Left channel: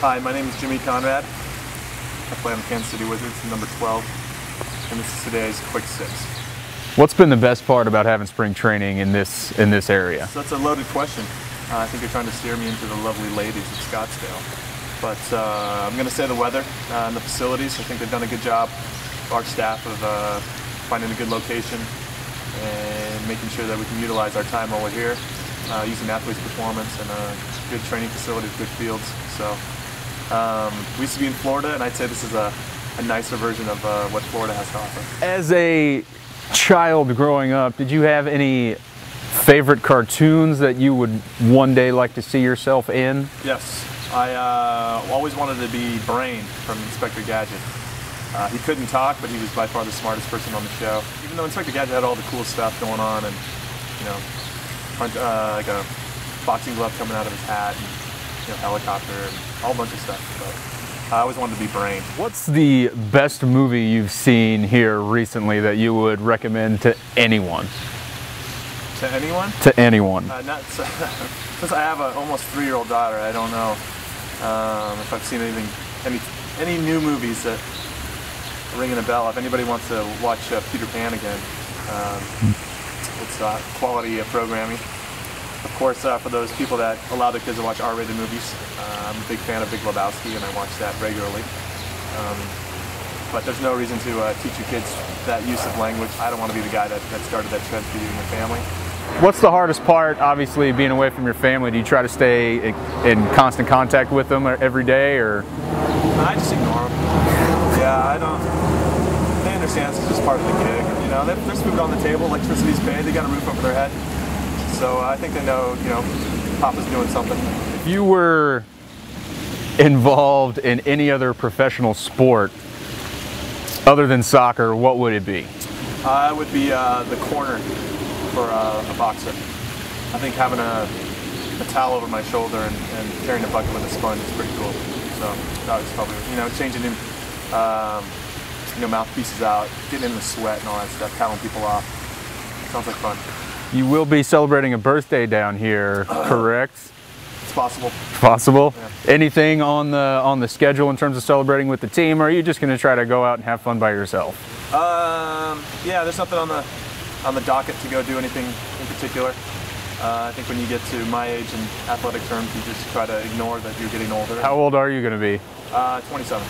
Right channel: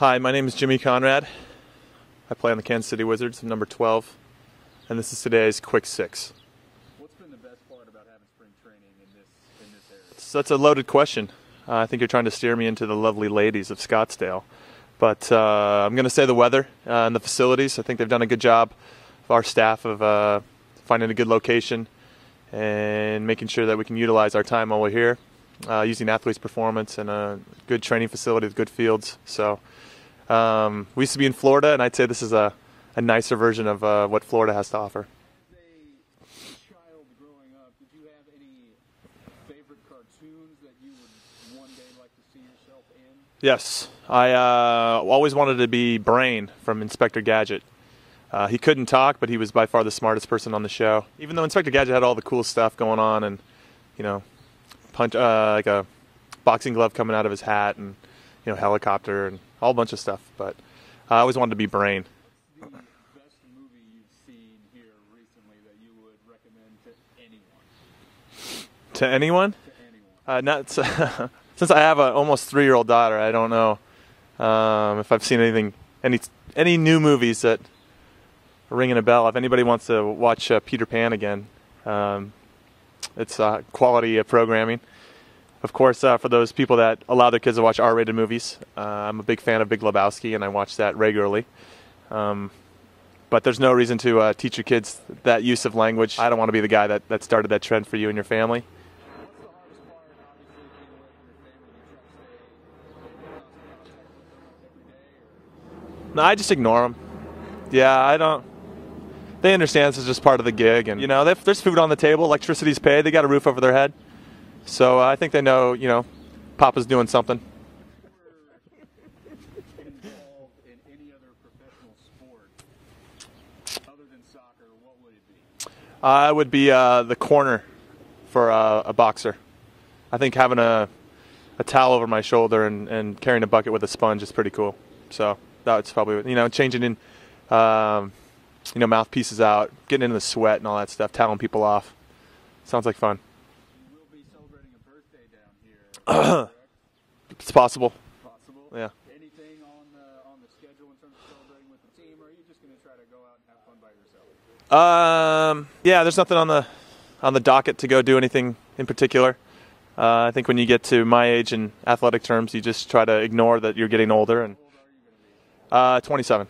Hi, my name is Jimmy Conrad. I play on the Kansas City Wizards, number 12, and this is today's Quick Six. What's been the best part about having spring training in this area? So that's a loaded question. I think you're trying to steer me into the lovely ladies of Scottsdale. But I'm going to say the weather, the facilities. I think they've done a good job, our staff, of finding a good location and making sure that we can utilize our time while we're here, using athletes' performance and good training facilities, good fields. So we used to be in Florida, and I'd say this is a nicer version of what Florida has to offer. As a child growing up, did you have any favorite cartoons that you would one day like to see yourself in? Yes. I always wanted to be Brain from Inspector Gadget. He couldn't talk, but he was by far the smartest person on the show. Even though Inspector Gadget had all the cool stuff going on, and like a boxing glove coming out of his hat, and helicopter, and a whole bunch of stuff. But I always wanted to be Brain. What's the best movie you've seen here recently that you would recommend to anyone? To anyone? To anyone. Since I have an almost 3-year-old daughter, I don't know if I've seen any new movies that are ringing a bell. If anybody wants to watch Peter Pan again, it's quality programming. Of course, for those people that allow their kids to watch R-rated movies, I'm a big fan of Big Lebowski, and I watch that regularly. But there's no reason to teach your kids that use of language. I don't want to be the guy that started that trend for you and your family. What's the hardest part, obviously, being away from your family? Do you try to stay in constant contact with them every day, or? No, I just ignore them. Yeah, I don't. They understand it's just part of the gig, and there's food on the table, electricity's paid, they got a roof over their head. So I think they know, Papa's doing something. If you were involved in any other professional sport other than soccer, what would it be? I would be the corner for a boxer. I think having a towel over my shoulder and carrying a bucket with a sponge is pretty cool. So that was probably, changing in, mouthpieces out, getting in the sweat and all that stuff, toweling people off. Sounds like fun. You will be celebrating a birthday down here, correct? It's possible. Possible? Yeah. Anything on the schedule in terms of celebrating with the team, or are you just going to try to go out and have fun by yourself? Yeah, there's nothing on the docket to go do anything in particular. I think when you get to my age in athletic terms, you just try to ignore that you're getting older. How old are you going to be? 27.